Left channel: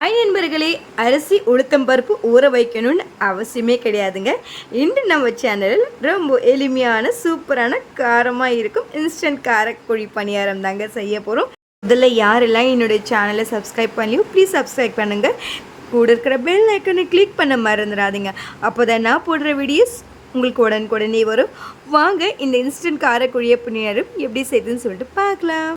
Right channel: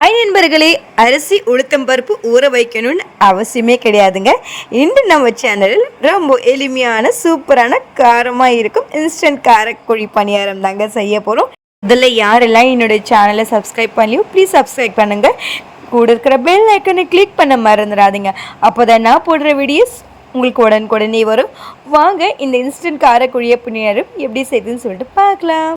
Hi நண்பர்களே, அரிசி உளுத்தம் பருப்பு ஊற வைக்கணும்னு அவசியமே கிடையாதுங்க. இன்று நம்ம சேனலில் ரொம்ப எளிமையான சூப்பரான காரமாக இருக்கும் இன்ஸ்டன்ட் காரக்குழி பணியாரம் தாங்க செய்ய போகிறோம். இதில் யாரெல்லாம் என்னுடைய சேனலை சப்ஸ்கிரைப் பண்ணலையோ ப்ளீஸ் சப்ஸ்கிரைப் பண்ணுங்கள். கூட இருக்கிற பெல் ஐக்கனை கிளிக் பண்ண மறந்துடாதீங்க. அப்போ தான் நான் போடுற வீடியோஸ் உங்களுக்கு உடனுக்குடனே வரும். வாங்க இந்த இன்ஸ்டன்ட் காரக்குழிய பணியாரம் எப்படி செய்யுதுன்னு சொல்லிட்டு பார்க்கலாம்.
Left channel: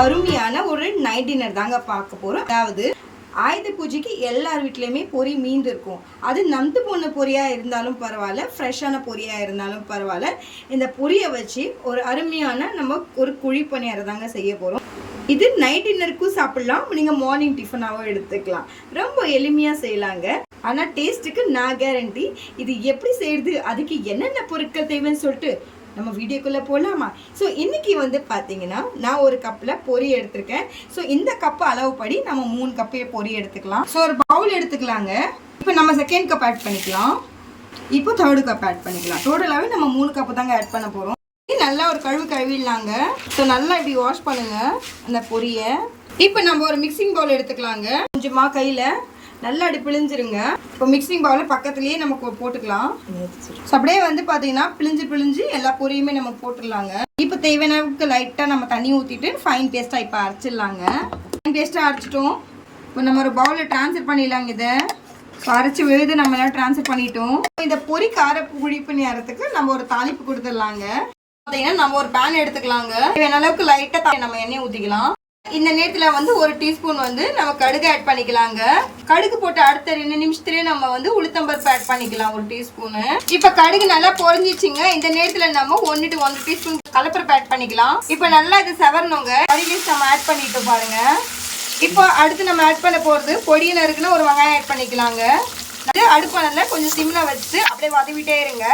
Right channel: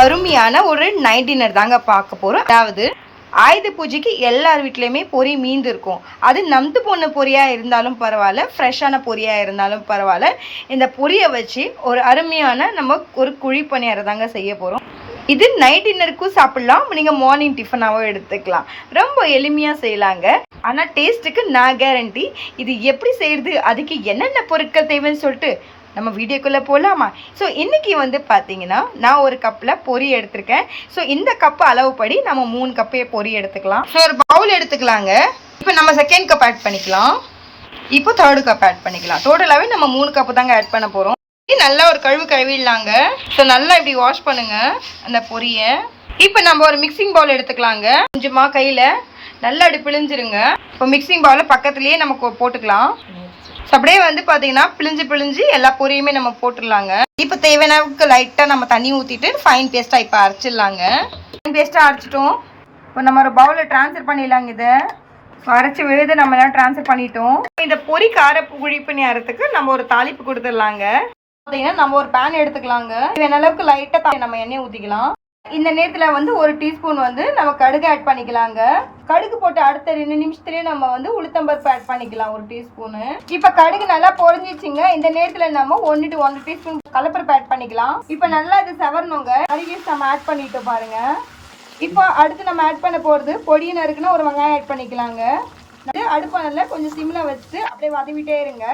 அருமையான ஒரு நைட் டின்னர் தாங்க பார்க்க போகிறோம். அதாவது ஆயுத பூஜைக்கு எல்லார் வீட்லேயுமே பொரி மீந்து இருக்கும். அது நம்பு போன பொரியாக இருந்தாலும் பரவாயில்ல, ஃப்ரெஷ்ஷான பொரியாக இருந்தாலும் பரவாயில்ல, இந்த பொரியை வச்சு ஒரு அருமையான நம்ம ஒரு குழி பணியாரம் தாங்க செய்ய போகிறோம். இது நைட் டின்னருக்கும் சாப்பிட்லாம், நீங்கள் மார்னிங் டிஃபனாகவும் எடுத்துக்கலாம். ரொம்ப எளிமையாக செய்யலாங்க. ஆனால் டேஸ்ட்டுக்கு நான் கேரண்டி. இது எப்படி செய்கிறது, அதுக்கு என்னென்ன பொருட்கள் தேவைன்னு சொல்லிட்டு நம்ம வீடியோக்குள்ளே போகலாமா? ஸோ இன்றைக்கி பார்த்தீங்கன்னா நான் ஒரு கப்பில் பொரி எடுத்திருக்கேன். ஸோ இந்த கப்பு அளவுப்படி நம்ம 3 கப்பே பொரி எடுத்துக்கலாம். ஸோ ஒரு பவுல் எடுத்துக்கலாங்க. இப்போ நம்ம செகண்ட் கப் ஆட் பண்ணிக்கலாம். இப்போ தேர்டு கப் ஆட் பண்ணிக்கலாம். டோட்டலாகவே நம்ம 3 கப்பு தாங்க ஆட் பண்ண போகிறோம். நல்லா ஒரு கழுவிடலாங்க. ஸோ நல்லா இப்படி வாஷ் பண்ணுங்கள் அந்த பொரியை. இப்போ நம்ம ஒரு மிக்சிங் பவுல் எடுத்துக்கலாங்க. கொஞ்சமாக கையில் நல்லா அப்படி பிழிஞ்சிருங்க. இப்போ மிக்சிங் பவுலில் பக்கத்துலேயே நமக்கு போட்டுக்கலாம். அப்படியே பார்த்தீங்கன்னா பிழிஞ்சு எல்லா பொரியுமே நம்ம போட்டுடலாங்க. இப்போ தேவையான லைட்டாக நம்ம தண்ணி ஊற்றிட்டு ஃபைன் பேஸ்ட்டாக இப்போ அரைச்சிடலாங்க. ஃபைன் பேஸ்ட்டாக அரைச்சிட்டோம். இப்போ நம்ம ஒரு பவுலில் ட்ரான்ஸ்ஃபர் பண்ணிடலாங்க. இதை அரைச்சி விழுது நம்ம எல்லாம் ட்ரான்ஸ்ஃபர் பண்ணிட்டோம். இந்த பொரி கார குழி பணியாரத்துக்கு நம்ம ஒரு தாளிப்பு கொடுத்துடலாங்க. பார்த்தீங்கன்னா நம்ம ஒரு பேன் எடுத்துக்கலாங்க. தேவையான அளவுக்கு லைட்டாக நம்ம எண்ணெய் ஊற்றிக்கலாம். இந்த நேரத்தில் ஒரு டீஸ்பூன் நம்ம கடுகு ஆட் பண்ணிக்கலாங்க. கடுகு போட்டு அடுத்த 2 நிமிஷத்துலேயே நம்ம உளுத்தம்பருப்பு ஆட் பண்ணிக்கலாம், ஒரு டீஸ்பூனு. இப்போ கடுகு நல்லா பொரிஞ்சிச்சுங்க. இந்த நேரத்தில் நம்ம 1 to 1 டீஸ்பூன் கடலைப்பருப்பு ஆட் பண்ணிக்கலாம். இப்போ நல்லா இது செவரணுங்க. கடுகு நம்ம ஆட் பண்ணிட்டு பாருங்க. இப்போ அடுத்து நம்ம ஆட் பண்ண போகிறது பொடியின இருக்குன்னா ஒரு வெங்காயம் ஆட் பண்ணிக்கலாங்க. அடுப்பானல கொஞ்சம் சிம்மில் வச்சு அப்படியே வதவிட்டே இருங்க.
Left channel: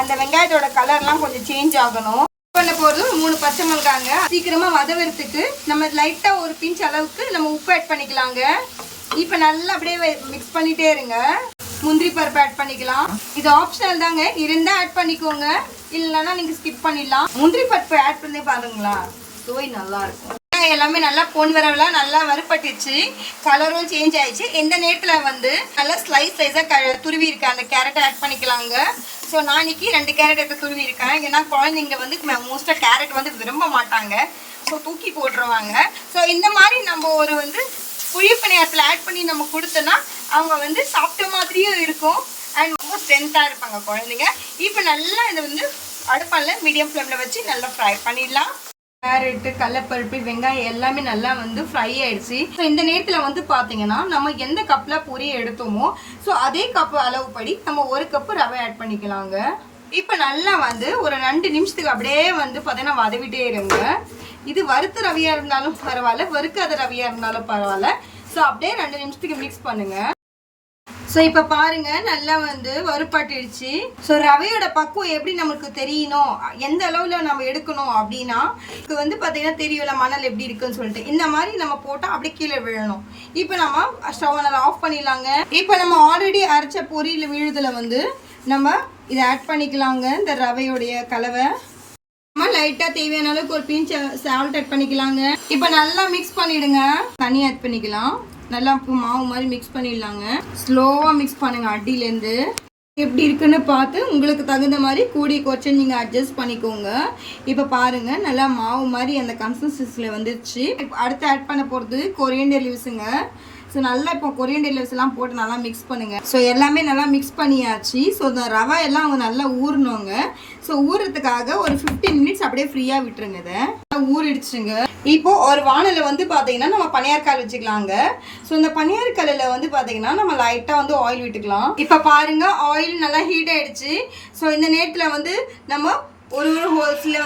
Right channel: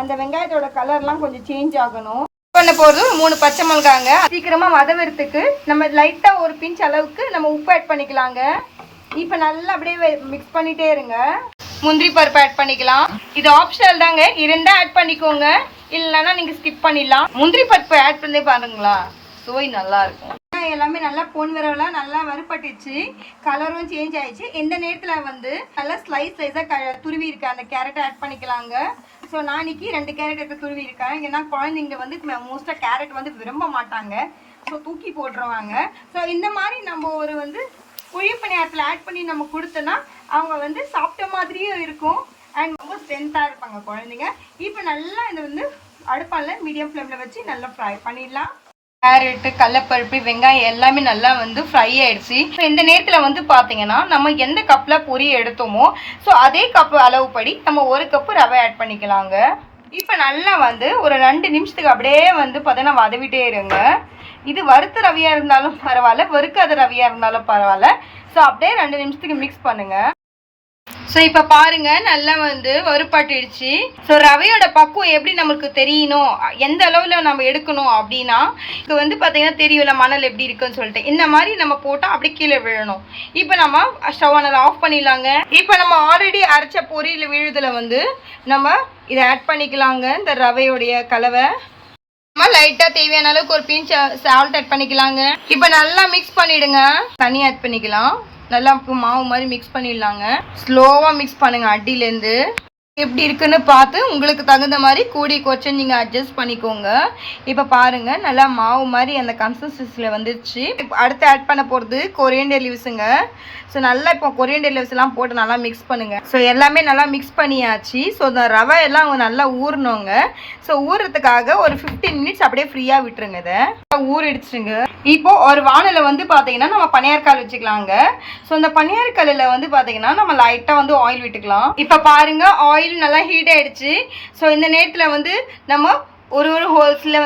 அந்த வெங்காயத்தோட கலர்லாம் கொஞ்சம் சேஞ்ச் ஆகணும். பண்ண போகிறது 3 பச்சை மிளகாங்க. சீக்கிரமாக வதவறதுக்கு நம்ம லைட்டாக ஒரு பிஞ்ச் அளவுக்கு நம்ம உப்பு ஆட் பண்ணிக்கலாங்க. இப்போ நல்லா அப்படியே மிக்ஸ் பண்ணிகிட்டே இருங்க. முந்திரி பருப்பு ஆட் பண்ணிக்கலாம். இது ஆப்ஷனல் தாங்க, இருந்தால் ஆட் பண்ணிக்கோங்க, இல்லைன்னா நீங்கள் ஸ்கிப் பண்ணிடலாம். முந்திரி பருப்பு ஆட் பண்ணி பாருங்களா, சுவை நல்லாயிருக்கும். எல்லாமே நல்லா பொன் வரவெல்லாம் நல்லா வறுப்பட்டுச்சு, கலரும் சேஞ்ச் ஆயிடுச்சு. இந்த நேரத்தில் நல்லா ஸ்லைஸாக துருவி இருக்க அந்த கேரட்டை ஆட் பண்ணிக்கலாங்க. ஸோ நான் இன்னைக்கு 2 கேரட் எடுத்து துருவி இருக்கேன். ஏன்னா குழந்தைங்க மோஸ்ட்டாக கேரட் விரும்ப மாட்டாங்க, ஸோ தூக்கி போட்டுருவாங்க. ஸோ இந்த மாதிரி நம்ம ஒரு குழி பணியாரத்தில் ஆட் பண்ணி நம்ம கொடுத்தோன்னா அவங்க சாப்பிட்ட மாதிரியும் இருக்கும் அண்ட் ரொம்ப ஸ்ட்ரென்த்தாக இருப்பாங்க குழந்தைங்க. இப்போ நல்லா இதை அடுப்பால் மீடியம் ஃப்ளேமில் வச்சு நல்லா ஃப்ரை பண்ணிடலாம். கேரட்டு, கடலைப்பருப்பு, வெங்காயம் எல்லாமே நல்லா ஃப்ரை ஆயிடுச்சு. ஸோ இந்த நேரத்தில் பார்த்தீங்கன்னா நம்ம எந்த கப்பில் பொரி எடுத்தோமோ ஸோ அதே கப்பு அளவுப்படி நம்ம 1 கப்பு ரவை ஆட் பண்ணிக்கலாங்க. இப்போ நல்லா ஒரு 2 நிமிஷத்துக்கு அப்படியே பார்த்தீங்கன்னா வதவிட்டே இருங்க. இது வறுத்த ரவையாக இருந்தாலும் பரவாயில்ல, வறுக்காத ரவையாக இருந்தாலும் பரவாயில்ல. ஸோ அப்படியே 2 நிமிஷத்துக்கு மிக்ஸ் பண்ணுங்கள். ஸோ இப்போ பாருங்கள் நல்லா வறுப்பாட்டிடுச்சு. ஸோ ரவையோட பக்குவம் எப்படி நம்மளுக்கு தெரியணும், எந்த அளவில் நம்ம எடுக்கணும் அப்படின்னா, இது பார்த்தீங்கன்னா தெரியும்ல மணல் எப்படி இருக்குன்னு சொல்லிட்டு, இந்த மாதிரி நம்ம போட்டால் அப்படியே கீழே விழணும். இப்போ நம்ம ஸ்டவ் நல்லா ஆஃப் பண்ணிடலாங்க. இப்போ நம்ம ஆல்ரெடி அரைச்ச பொரியில் விழுதில் நம்ம இதை ஆட் பண்ணிக்கலாங்க. இந்த ரவையோடைய கலவை நம்ம லைட்டாக தேவையான அளவுக்கு ஒரு பிஞ்ச் சால்ட் ஆட் பண்ணிக்கலாங்க. இப்போ நல்லா மிக்ஸ் பண்ணிவிடுங்க. தண்ணி ஆட் பண்ணிக்கலாம். நல்லா மாவு மாதிரி மிக்ஸ் பண்ணிடலாங்க. ஸ்லோவாக மிக்ஸ் பண்ணுங்கள். அடியிலேருந்து எப்படி இருக்குன்னு பார்த்து உங்களுக்கு தகுந்த மாதிரி கூடி குறைச்சி நீங்கள் அட்ஜஸ்ட் பண்ணிக்கோங்க. இப்போ பாருங்கள் நல்லா மாவு மாதிரி அந்த கன்சிஸ்டன்சியில் வந்துடுச்சு. இப்போ அடுத்து ஆட் பண்ண போகிறது கொரியண்டர் லீவ்ஸுங்க. ஸோ நல்லா இப்போ கொரியண்டர் லீவ்ஸ்லாம் போட்டு நல்லா மிக்ஸ் பண்ணுங்கள். ஸோ எல்லாமே நல்லா மிக்ஸ் பண்ணியாச்சு. ஸோ இந்த ரவை எல்லாம் நல்லா ஊறணுங்க. ஸோ ஊறுறதுக்காக ஒரு 15 மினிட்ஸ் அப்படியே ஃப்ரீயாக விட்டுருங்க. இதை ஊறிடுச்சுங்க. இப்போ ஒரு வானிலை பார்த்தீங்கன்னா நம்ம பனியாரக்கால் வச்சுக்கலாங்க. ஸோ இந்த பனியாரக்கல்லில் பார்த்தீங்கன்னா நம்ம லைட்டாக ஆயில் விட்டுக்கலாம். இப்போ பாருங்கள் ஆயில் நல்லா ஹீட் ஆகிடுச்சு. ஸோ இந்த நேரத்தில் நம்ம ஒரு ஹோல்ஸில்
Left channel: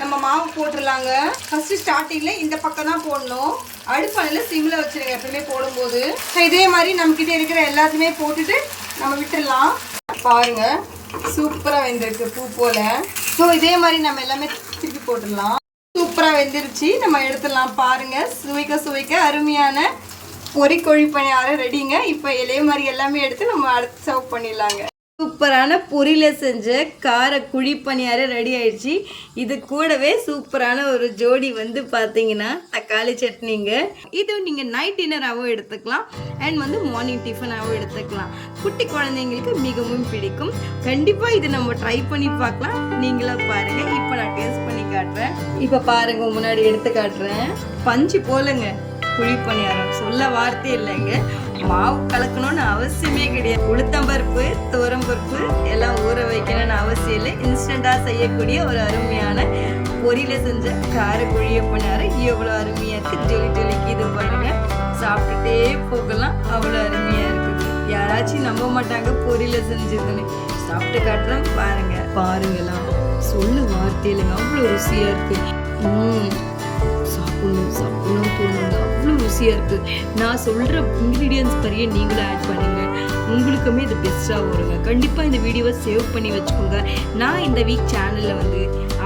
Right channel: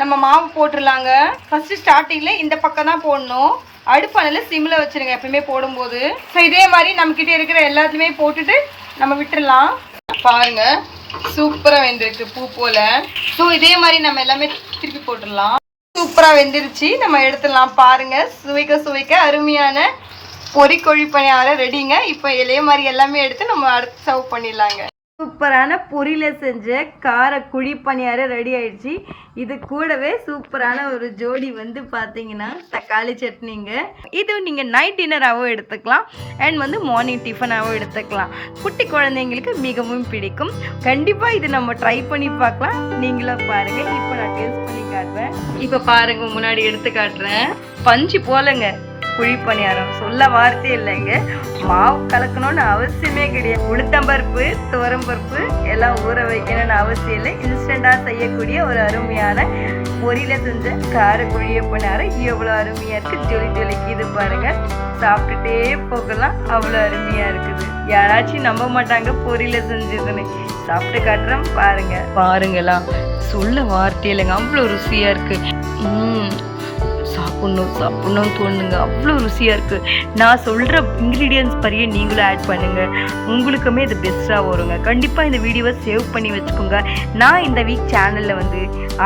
நம்ம மாவு போட்டுடலாங்க. ஃபஸ்ட்டு ஸ்டார்டிங்கில் இந்த பக்கம் தான் போடணும். அடுப்பானில் சிம்மில் வச்சுருங்க எப்பயுமே போடும்போது. ஸோ இதே மாதிரி நம்மக்கிட்ட இருக்கிற எல்லாத்தையுமே போட்டுட்டு நம்ம விட்டுடலாம். பாருங்கள் சூப்பராக வெந்திருக்கு பூ போல். ஸோ இதே மாதிரி நம்ம எல்லாமே திருப்பி போட்டுடலாம். சூப்பராக வெந்துருச்சு. நம்ம எடுத்துடலாம். பாருங்க, சுவைக்க சுவைக்க அருமையான பொரி கோழி பணியாரம் ரெடிங்க. இப்போ இலைய மாதிரி எல்லாமே எடுத்து நம்ம அடுத்து சர்வ் பண்ணிடலாங்க. சூப்பரான பொரியில் செஞ்ச கார குழி பணியாரம் ரெடி ஆயிடுச்சு. இது கூடவே சூப்பரான ஒரு ஜோடி வந்து பார்த்தீங்கன்னா தக்காளி சட்னிங்க. இது நீங்கள் நைட் டின்னராகவும் எடுத்துக்கலாம் அண்ட் வந்து மார்னிங் டிஃபனாகவும் எடுத்துக்கலாம். குட்டி குழந்தைங்களுக்கு மிகவும் பிடிக்கும். கண்டிப்பாக இது நம்ம ட்ரை பண்ணி பார்க்கலாம். நீங்களும் பாருங்கள். இப்போ நான் டேஸ்ட் பண்ணி காட்டுறேன். இப்போ பாருங்கள், முன்னாடி எடுத்து காட்டுறேன். பஞ்சு போலங்க குழி பணியாரம், சொல்ல வார்த்தை இல்லைங்க. மாவு கலக்கணும்னு அவசியமே கிடையாது. உளுத்தம்பருப்பு, துவரம்பருப்பு எல்லாம் ஊற வைக்கணும்னு அவசியம் இல்லை. இன்ஸ்டண்ட்டாக செய்யக்கூடிய ஒரு அருமையான பொரியில் செஞ்ச கார குழிய பணியாரம் எவ்வளோ அருமையாக இருக்குது. ஜொலி ஜொலிக்கு இது பாருங்கள், சாப்பிட்டுட்டே போகலாம். அவ்வளோ அருமையாக இருக்குது. யாராச்சும் நம்ப மாட்டாங்க பொரியில் செஞ்சதுன்னு. சாப்பிட்டு காட்டுறேன் பாருங்களா, சொல்ல வார்த்தை இல்லைங்க. அவ்வளோ ருசியாக இருக்குது. சாப்பிட்ணும் தோணுங்க. அவ்வளோ ருசியாக இருக்குது. நான் சொல்கிற இன்க்ரீடியன்ஸ் பறிய நீங்களும் ஆட் பண்ணுங்கள். உங்களுக்குமே இது பெஸ்ட்டாக வருங்க. கண்டிப்பாக இந்த வீடியோவை சேவ் பண்ணி வச்சுக்கோங்க. நான் இந்த வீக் சேனலில் வந்து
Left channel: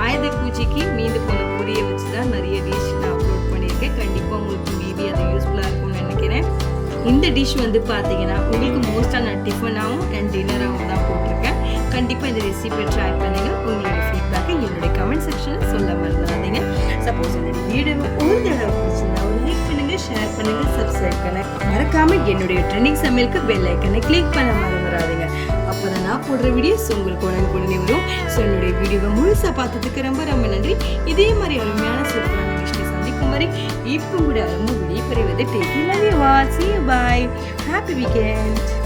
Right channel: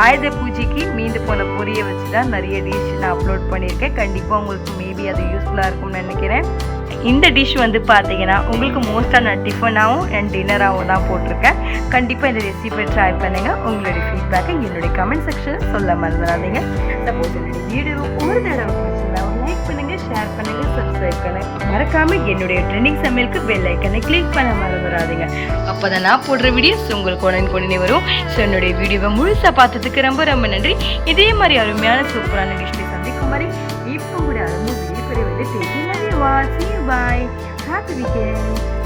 ஆயுத பூஜைக்கு மீந்து போன பொரியை வச்சு தான் நிறைய டிஷ் நான் அப்லோட் பண்ணியிருக்கேன். கண்டிப்பாக உங்களுக்கு மேபி அது யூஸ்ஃபுல்லாக இருக்கும்னு நினைக்கிறேன். இந்த டிஷ் வந்து பார்த்தீங்கன்னா உங்களுக்கு மோஸ்ட்டாக நான் டிஃபனாகவும் அண்ட் டின்னராகவும் தான் போட்டிருக்கேன். கண்டிப்பாக இந்த ரெசிபி ட்ரை பண்ணுங்கள். உங்களுடைய ஃபீட்பேக்கை என்னுடைய கமெண்ட் செக்ஷனில் சொல்ல மறந்துடாதீங்க. சப்போஸ் என்னுடைய வீடியோ ஒரு தடவை பிடிச்சிருந்தா லைக் பண்ணுங்கள், ஷேர் பண்ணுங்கள், சப்ஸ்கிரைப் பண்ணுங்கள். மறக்காமல் என்னுடைய ட்ரெண்டிங் சமையலுக்கு பெல் ஐக்கனை கிளிக் பண்ண மறந்துடாதீங்க. அப்போ தான் நான் போடுற வீடியோஸ் உங்களுக்கு உடனே வரும். ஸோ என்னுடைய வீடியோவை முழுசாக பார்த்ததுக்கு ரொம்ப ரொம்ப நன்றி. இதே மாதிரி அருமையான சூப்பரான டிஷ்ஷை சந்திக்கும் மாதிரி இப்போ கூட அருமை வெளியே பெறுவது. Take care, love you all. See you, bye. Happy weekend.